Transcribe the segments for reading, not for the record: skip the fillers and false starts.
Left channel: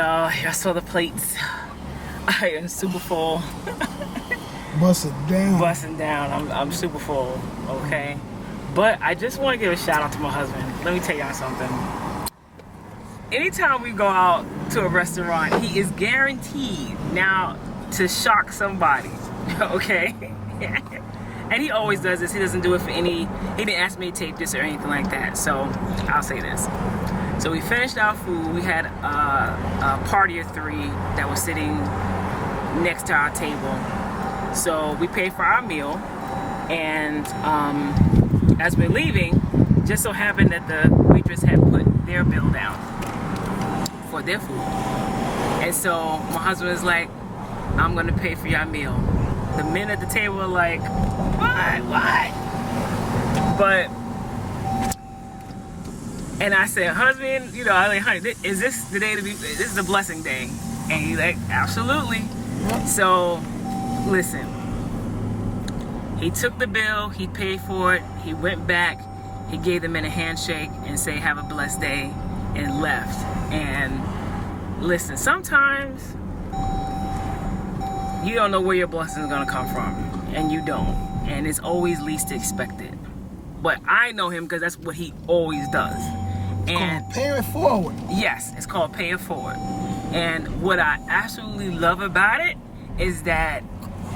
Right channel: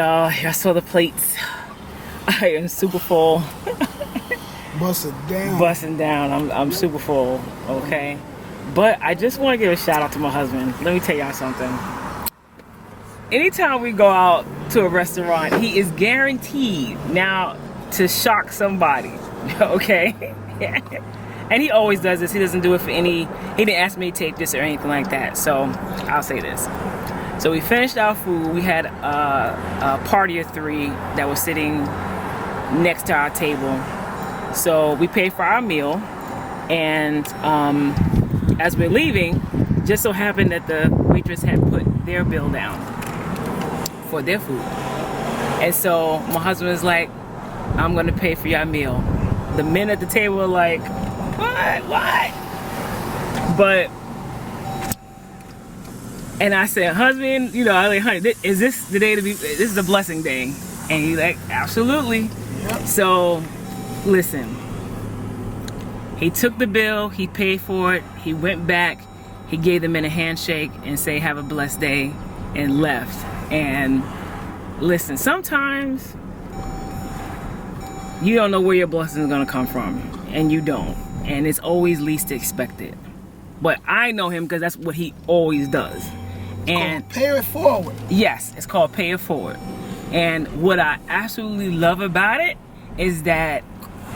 y'all. I saw the plates. I am super full. Busting down. I'm super full, okay? But I just want to give a shout out to my husband. Let me tell y'all something. Anytime we go out to a restaurant, he is guaranteed now to shock somebody, okay? And he always does this. He doesn't do it for he didn't ask me to take this or anything like that. So I'll say this. So we finished our food. We had a party of 3 that was sitting next to our table. So we paid for our meal, and as we're leaving, just so happened that the waitress had put their bill down for their food. And so my husband was like, I'm gonna pay for your meal. The men at the table were like, what? But, and I said, husband, I like, honey, is this the day this is a blessing day? And he's like, absolutely. Yep. So, listen, he took the bill, he paid for it, he went back, he gave the men a handshake and say, have a blessed day, and left. And listen, sometimes you don't know where your blessing is going to come from, and you don't. And it's always least expected. But I know him because that's what he always does. And pay it forward. Yes, it's called pay it forward. And what I absolutely love about it is that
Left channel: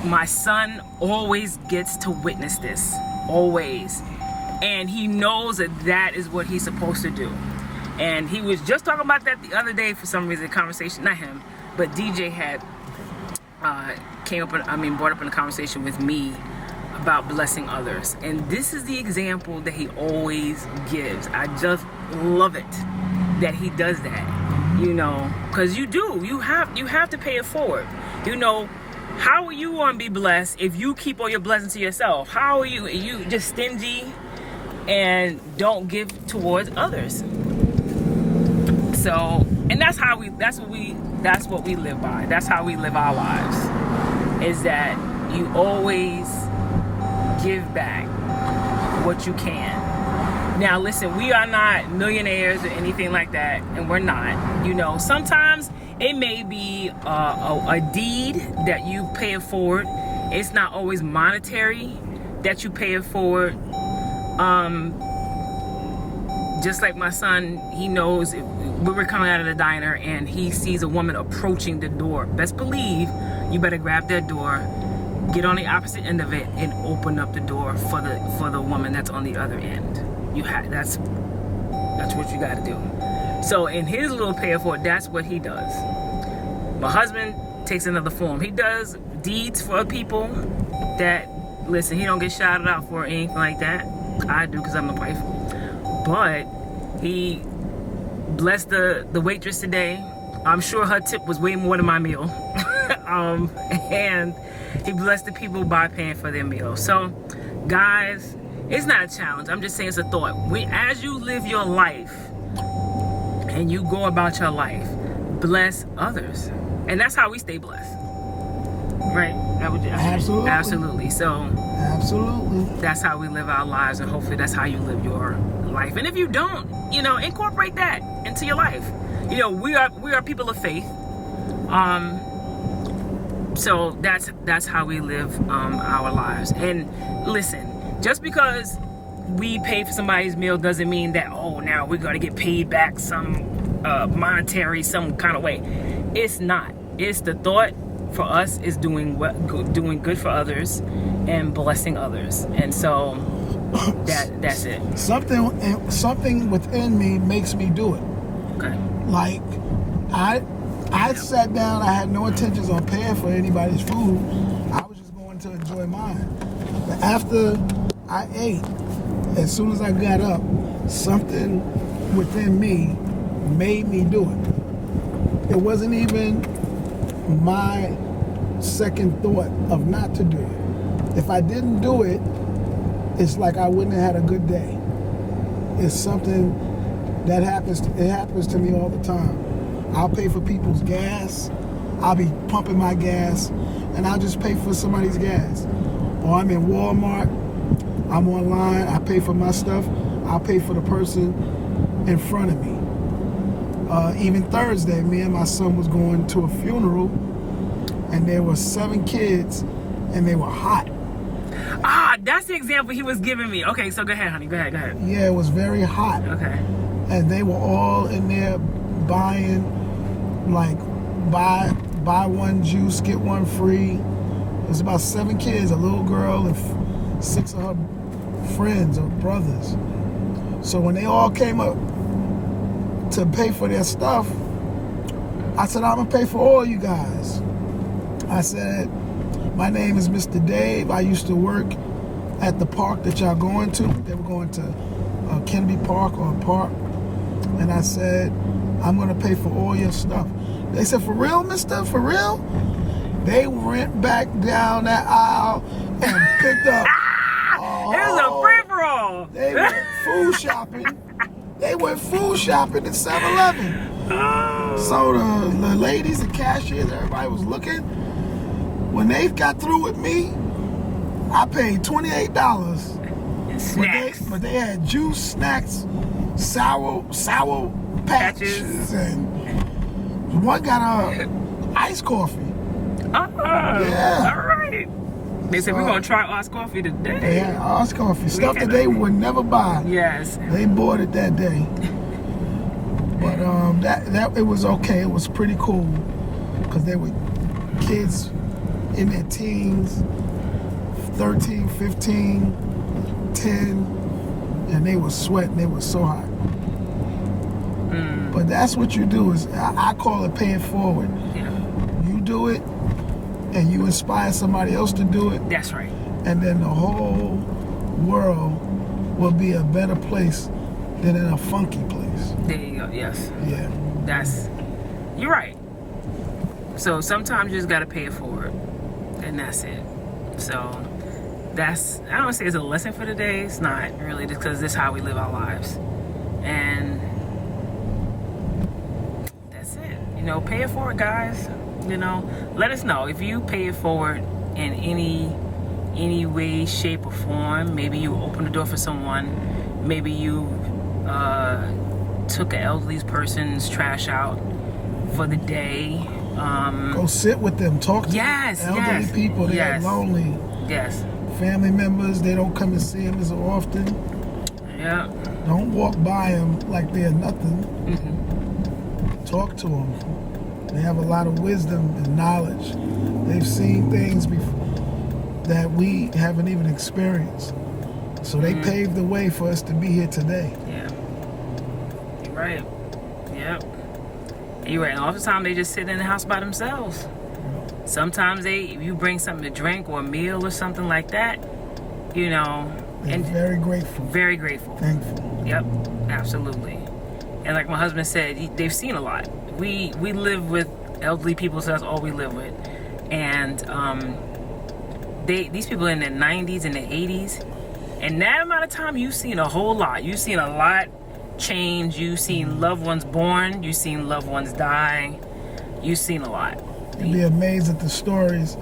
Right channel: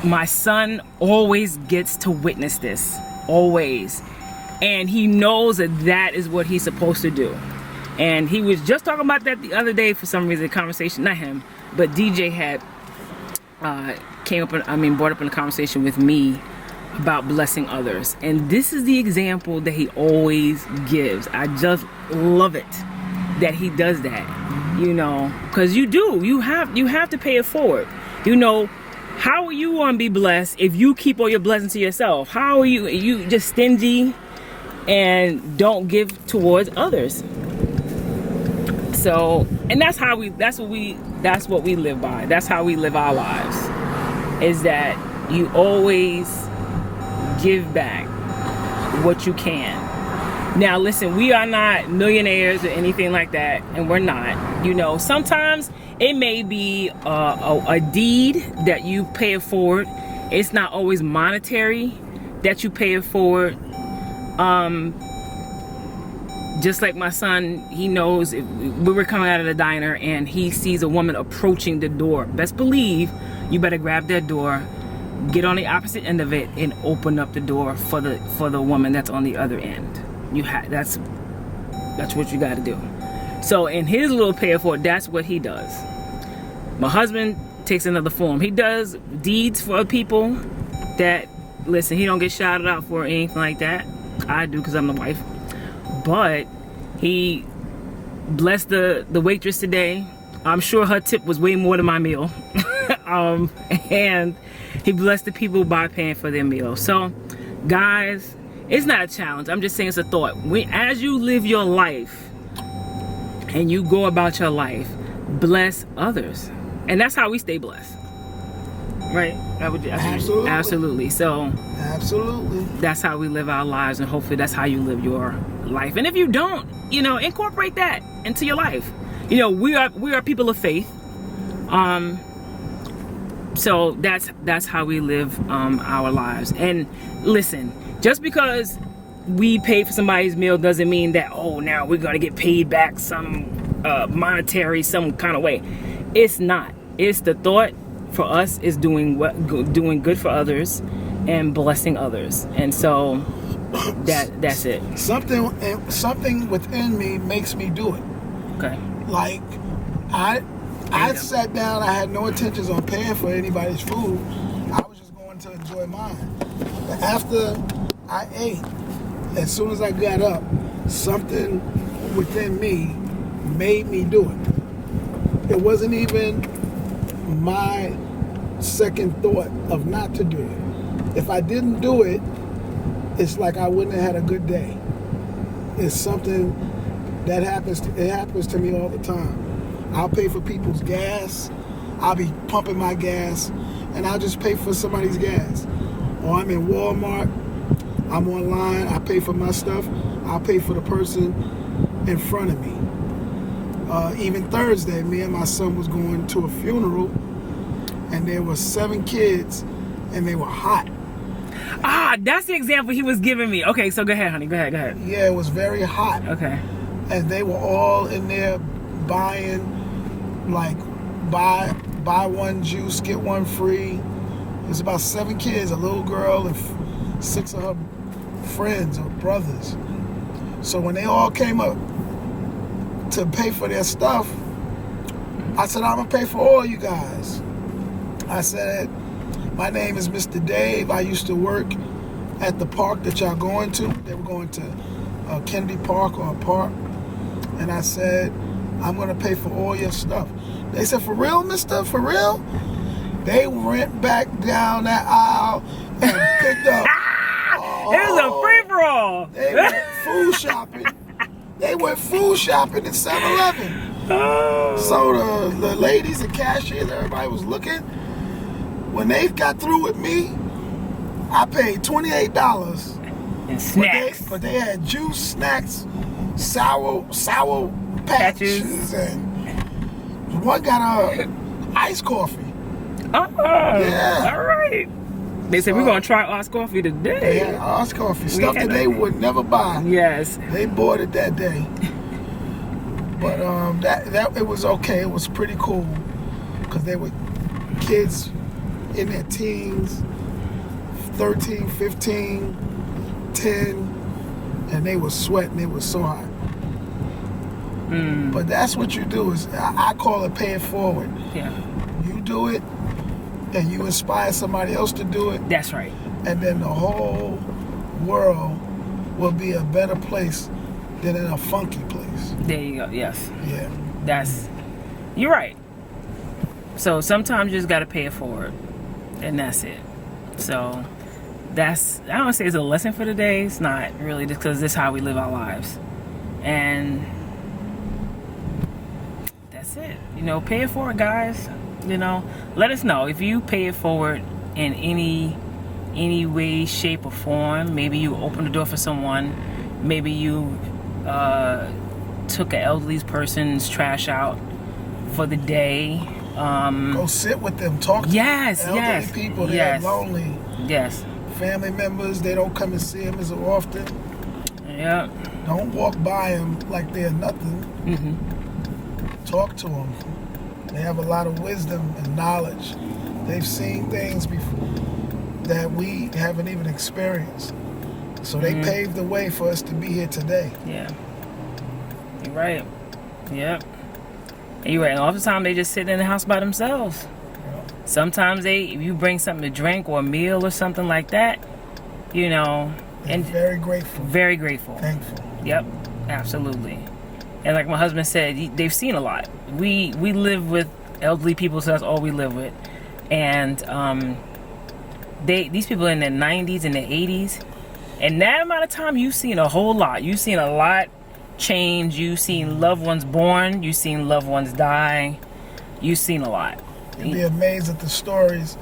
my son always gets to witness this. Always. And he knows that is what he's supposed to do. And he was just talking about that the other day for some reason, conversation, not him, but DJ had brought up in a conversation with me about blessing others. And this is the example that he always gives. I just love it that he does that, because you have to pay it forward. How are you going to be blessed if you keep all your blessings to yourself? How are you just stingy and don't give towards others? So, and that's what we live by. That's how we live our lives. Is that you always give back what you can. Now, listen, we are not millionaires or anything like that, and we're not. Sometimes it may be a deed that you pay it forward. It's not always monetary that you pay it forward. Just like my son, he knows if we were coming out of the diner and he sees a woman approaching the door. Best believe you better grab that door, get on the opposite end of it, and open up the door for the woman that's on the other end. That's what you got to do. So in his little pay it forward, that's what he does. My husband takes another form. He does deeds for people that, listen, he don't get shouted out for or anything like that. I do because I'm the wife. But he blessed the waitress today. I'm sure her tip was way more than my meal. And he blessed the people by paying for their meal. So, guys, it's not a challenge. I'm just saying it's a thought. As you live your life and you go about your life, bless others. And that's how we stay blessed. Right? Absolutely. Absolutely. So, absolutely. That's how we live our lives, and hopefully that's how you live your life. And if you don't, incorporate that into your life. We are people of faith. So that's how we live our lives. And listen, just because we pay for somebody's meal doesn't mean that now we're gonna get paid back some monetary some kind of way. It's not. It's the thought for us is doing good for others and blessing others. And so that's it. Something within me makes me do it. Okay. Like I sat down. I had no intentions on paying for anybody's food. I was just going to enjoy mine. But after I ate, as soon as I got up, something within me made me do it. It wasn't even my second thought of not to do it. If I didn't do it, it's like I wouldn't have had a good day. It's something that happens to me all the time. I'll pay for people's gas. I'll be pumping my gas, and I'll just pay for somebody's gas. Or I'm in Walmart, I'm online, I pay for my stuff, I'll pay for the person in front of me. Even Thursday, me and my son was going to a funeral, and there were 7 kids, and they were hot. Ah, that's the example he was giving me. Okay, so go ahead, honey. Go ahead. Yeah, it was very hot. Okay. And they were all in there buying, like, buy one juice, get one free. It was about 7 kids, a little girl, and 6 of her friends or brothers. So when they all came up to pay for their stuff, I said, I'm going to pay for all you guys. I said, my name is Mr. Dave. I used to work at the park that y'all going to. They were going to Kennedy Park or a park. And I said, I'm going to pay for all your stuff. They said, for real, mister? For real? They went back down that aisle and picked up. It was a free-for-all. They went food shopping. They went food shopping at 7-Eleven. Oh. So the ladies and cashiers, everybody was looking. When they got through with me, I paid $28. Snacks. But they had juice, snacks, sour patches, and one got iced coffee. Oh, Yeah. All right. They said, we're going to try iced coffee today. They had iced coffee, stuff that they would never buy. Yes. They bought it that day. But that it was okay. It was pretty cool because they were kids in their teens, 13, 15, 10, and they were sweating. They were so hot. But that's what you do. Is I call it pay it forward. Yeah. You do it, and you inspire somebody else to do it. That's right. And then the whole world will be a better place than in a funky place. There you go. Yes. Yeah. You're right. So sometimes you just got to pay it forward, and that's it. So I don't say it's a lesson for the day. It's not really, just because this is how we live our lives. And that's it. Pay it forward, guys. Let us know if you pay it forward in any way, shape, or form. Maybe you opened the door for someone. Maybe you took an elderly person's trash out for the day. Go sit with them, talk to elderly people. They're lonely. Yes. Family members, they don't come and see them as often. Yeah. Don't walk by them like they're nothing. Mm-hmm. Talk to them. They have a lot of wisdom and knowledge. They've seen things before that we haven't even experienced. So they paved the way for us to be here today. Yeah. You're right. Yep. You're right. And oftentimes they just sit in the house by themselves. Sometimes if you bring something to drink or a meal or something like that, and very grateful. Very grateful. Thankful. Yep. Absolutely. And like my husband said, they've seen a lot. We live with elderly people, so that's all we live with. And these people in their 90s and their 80s, and that amount of time, you've seen a whole lot. You've seen a lot change. You've seen loved ones born. You've seen loved ones die. You've seen a lot. You'd be amazed at the stories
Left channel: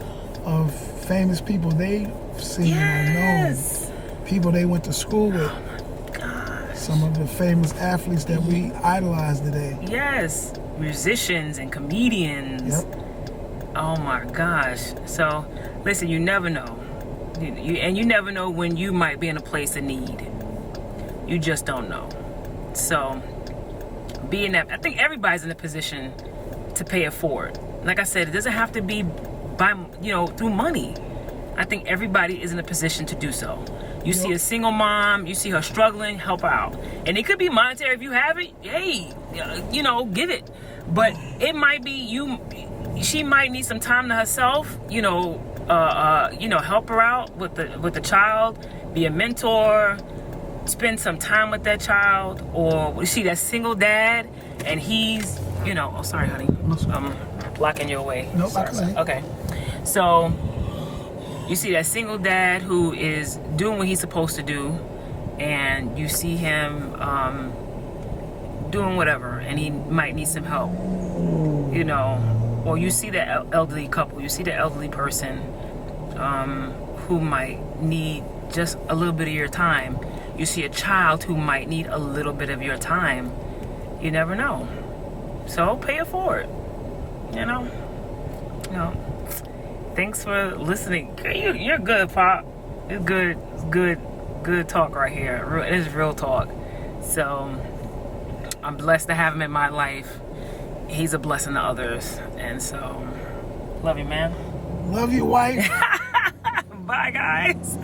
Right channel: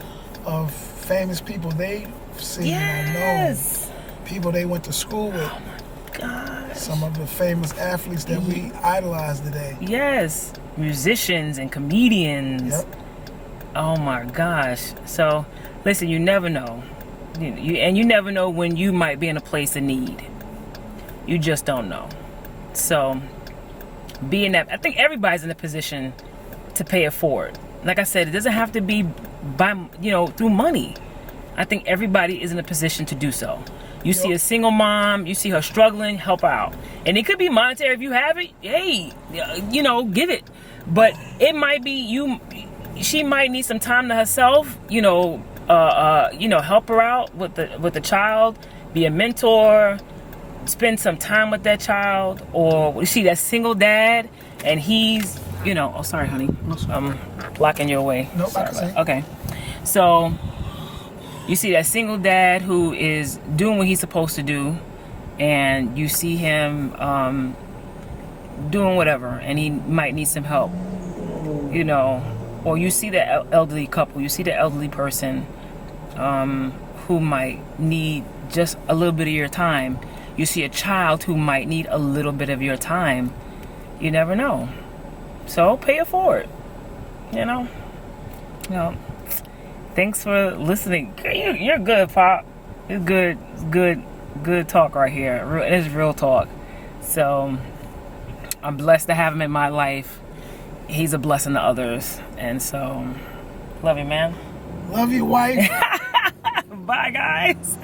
of famous people they've seen or known. People they went to school with. Oh my gosh. Some of the famous athletes that we idolize today. Yes. Musicians and comedians. Yep. Oh my gosh. So, listen, you never know. You never know when you might be in a place of need. You just don't know. So, I think everybody's in a position to pay it forward. Like I said, it doesn't have to be through money. I think everybody is in a position to do so. You see a single mom, you see her struggling, help her out. And it could be monetary if you have it. Hey, get it. But it might be she might need some time to herself, help her out with the child, be a mentor, spend some time with that child. Or we see that single dad and he's, oh, sorry, honey. I'm blocking your way. No, sorry. Okay. So you see that single dad who is doing what he's supposed to do, and you see him doing whatever, and he might need some help, or you see the elderly couple, you see the elderly person who might need just a little bit of your time. You see a child who might need a little bit of your time. You never know. So pay it forward. You know. Thanks for listening. You're good, Pop. It's good talk right here. It's real talk. So I'm blessed to have him in my life. He's a blessing to others, and so love you, man. Love you, wife. Bye, guys.